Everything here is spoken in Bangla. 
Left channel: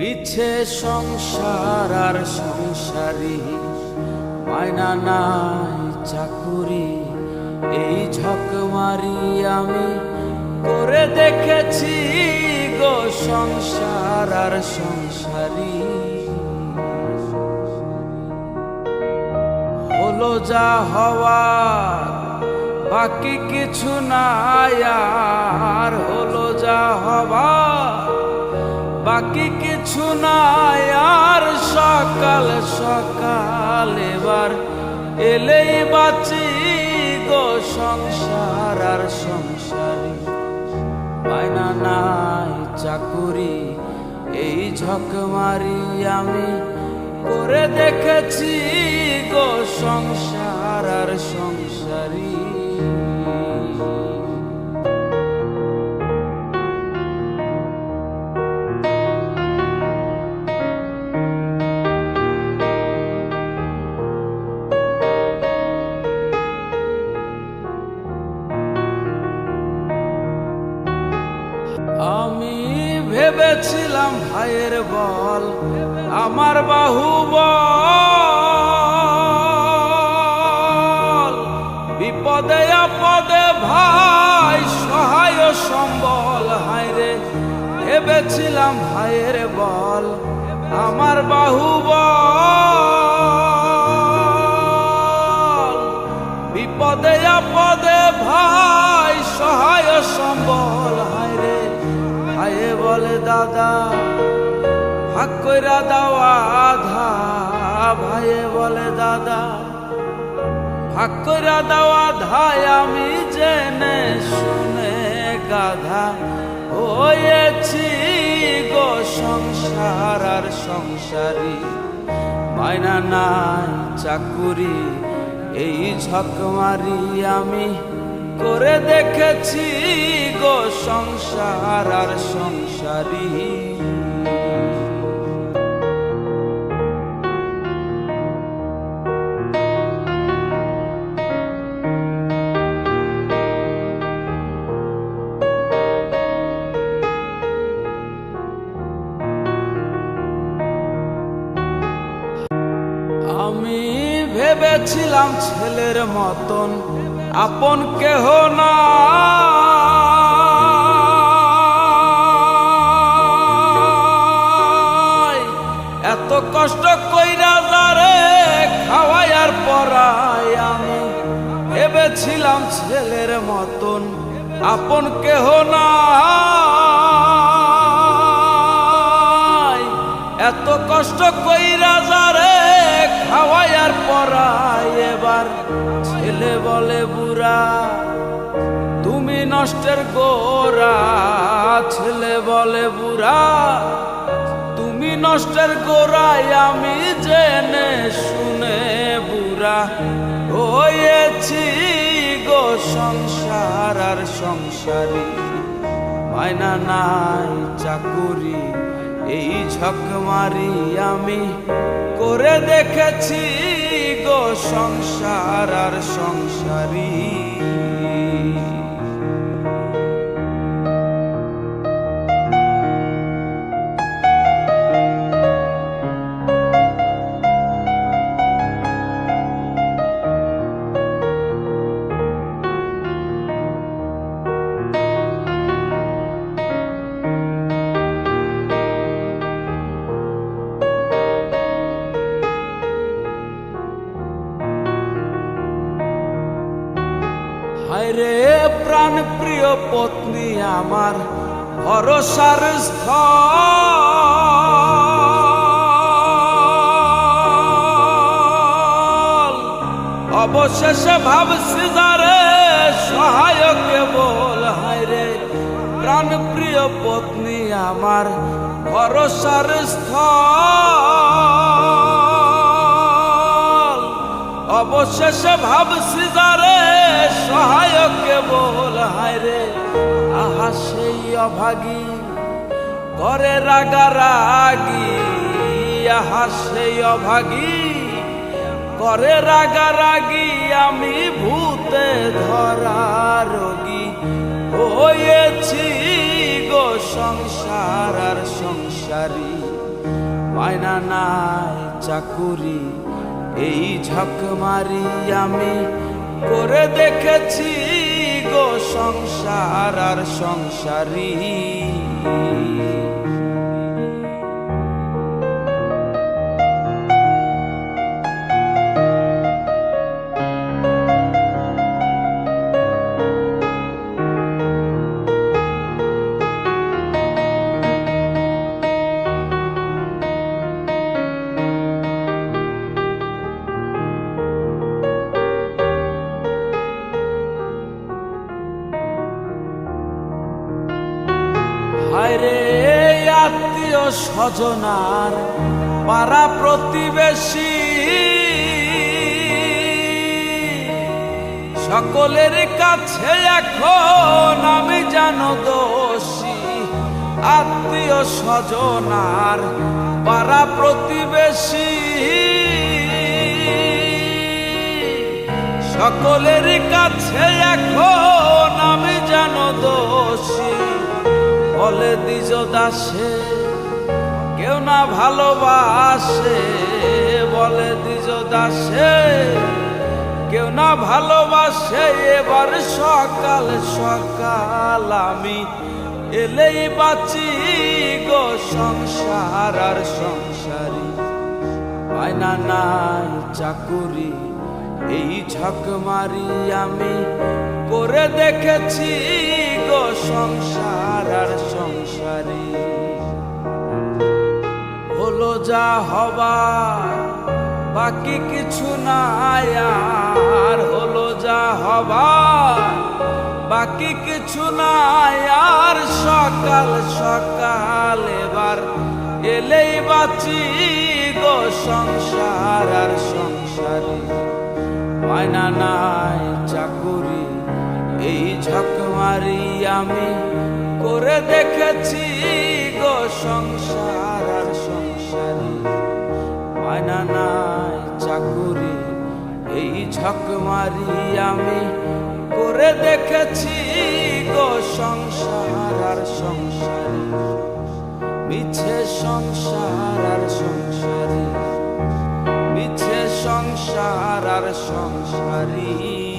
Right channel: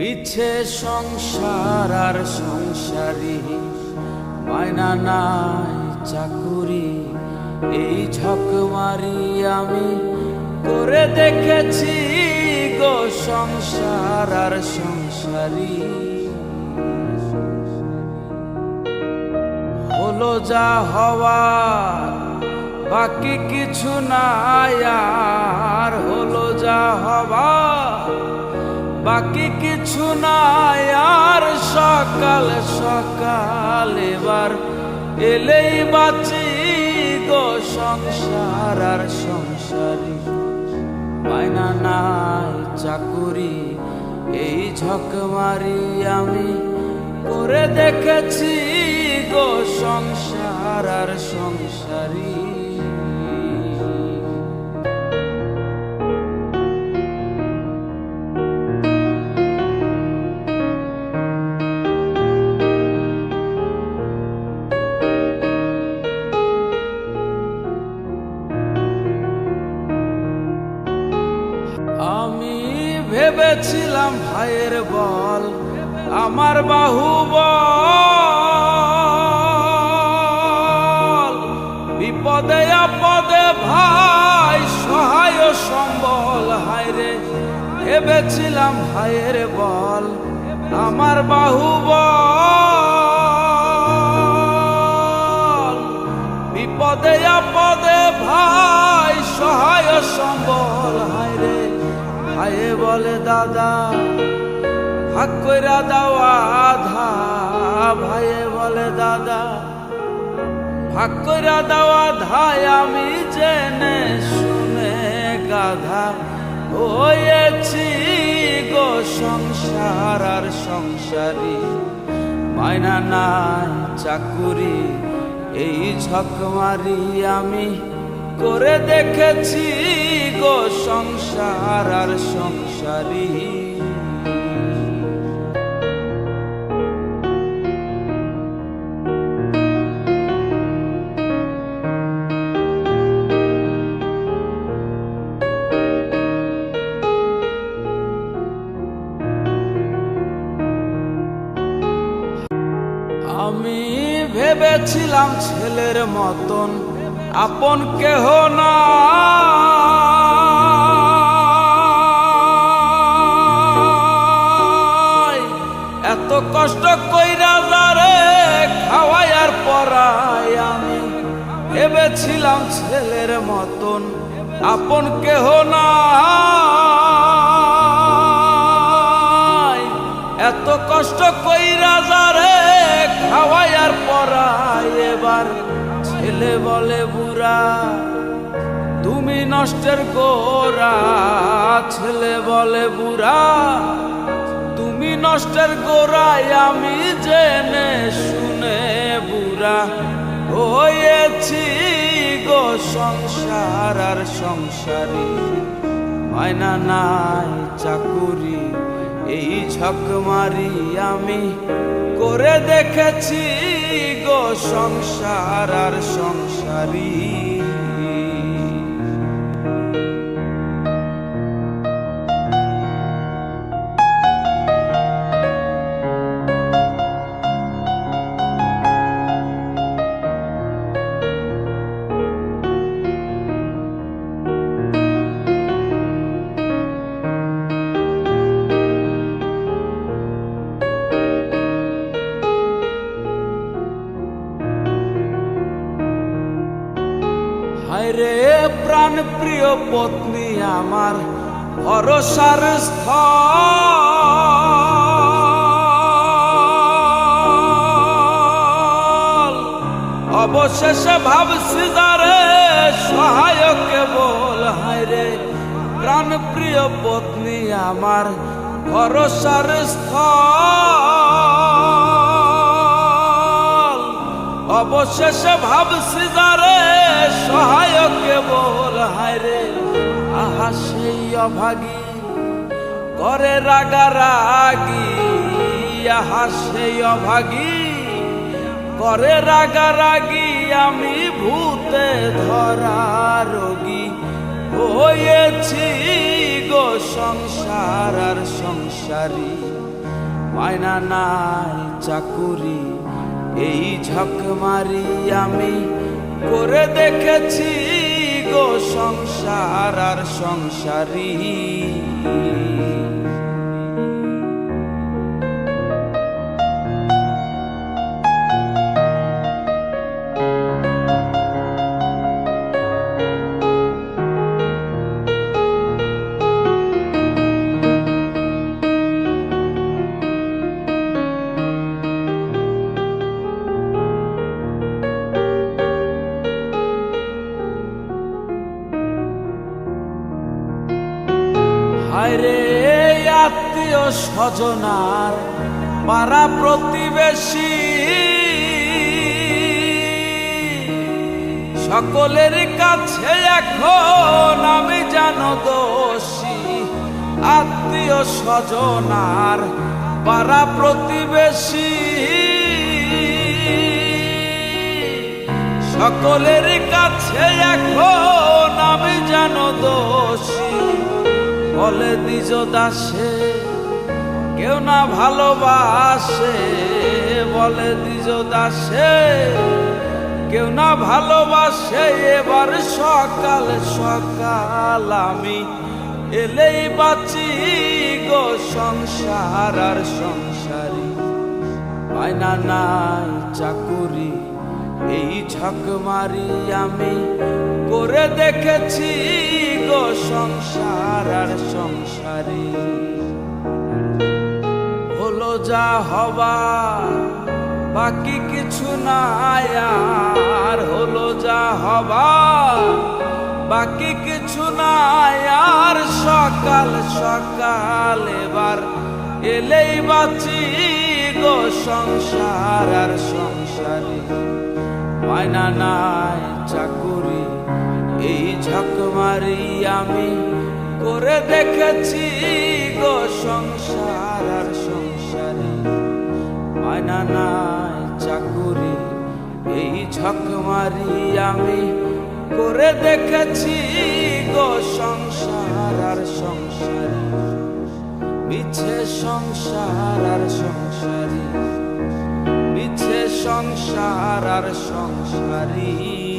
মিছে সংসার আর সংসারী, মায়না নাই চাকুরি। এই ঝকমারি আমি করে দেখেছি গো সংসার আর সংসারী। হলো যা হওয়ার বাকি কিছু নাই আর, হলো যা হওয়ার বাকি কিছু নাই আর। সকাল সকাল এবার এলেই বাঁচি গো সংসার আর সংসারী, মায়না নাই চাকুরি। এই ঝকমারি আমি করে দেখেছি গো সংসার আর সংসারী। আমি ভেবেছিলাম ভাইয়ের বল আমার বাহুবল, বিপদে আপদে ভাই সহায় সম্বল। হায়রে ভেবেছিলাম ভাইয়ের বল আমার বাহুবল, বিপদে আপদে ভাই সহায় সম্বল। হায়রে ভাইয়ে বলে দাদা ভাগ কইরা দাও আধা, ভাইয়ে বলে দাদা ভাগ কইরা দাও আধা। আমি জেনে শুনে গাধা হয়েছি গো সংসার আর সংসারী, মায়না নাই চাকুরি। এই ঝকমারি আমি করে দেখেছি গো সংসার আর সংসারী। আমি ভেবেছিলাম ছেলের মতন আপন কেহ না, এত কষ্ট কইরা যারে খাওয়াই আর পরাই। আমি ভেবেছিলাম ছেলের মতন আপন কেহ না, এত কষ্ট কইরা যারে খাওয়াই আর পরাই। এবার ছেলে বলে বুড়া তুমি নষ্টের গোড়া, ছেলে বলে বুড়া তুমি নষ্টের গোড়ায়। আমি জেনে শুনে বুড়া হয়েছি গো সংসার আর সংসারী, মায়না নাই চাকুরি। এই ঝকমারি আমি করে দেখেছি গো সংসার আর সংসারী। হায়রে প্রাণ প্রিয় পত্নী আমার ভরসার স্থল, অবশেষে ভাবছি যারে সহায় কেবল। হায়রে প্রাণ প্রিয় পত্নী আমার ভরসার স্থল, অবশেষে ভাবছি যারে সহায় কেবল। হায়রে আহা সেই অভাগী করে রাগারাগি, আহা সেই অভাগী করে রাগারাগি। আমি ভূতে ধরা রোগী হয়েছি গো সংসার আর সংসারী, মায়না নাই চাকুরি এই ঝকমারি আমি করে দেখেছি গো সংসার আর সংসারী। হায়রে আত্মীয় স্বজনার পাড়া প্রতিবেশী সকলের কাছে এখন আমি জানো দোষী। আত্মীয় স্বজনার পাড়া প্রতিবেশী সকলের কাছে এখন আমি জানো দোষী। বলে দ্বিজ দাসে কেউ না ভালোবাসে, বলে দ্বিজ দাসে কেউ না ভালোবাসে। এবার সকাল সকাল আমি এলেই বাঁচি গো সংসার আর সংসারী, মায়না নাই চাকুরি এই ঝকমারি আমি করে দেখেছি গো সংসার আর সংসারী। হলো যা হবার বাকি কিছু নাই আর, হলো যা হবার বাকি কিছু নাই আর। সকাল সকাল এবার এলেই বাঁচি গো সংসার আর সংসারী, মায়না নাই চাকুরি এই ঝকমারি আমি করে দেখেছি গো সংসার আর সংসারী, মায়না নাই চাকুরি এই ঝকমারি আমি করে দেখেছি গো সংসার আর সংসারী। মিছে সংসার আর সংসারী, মিছে সংসার আর সংসারী।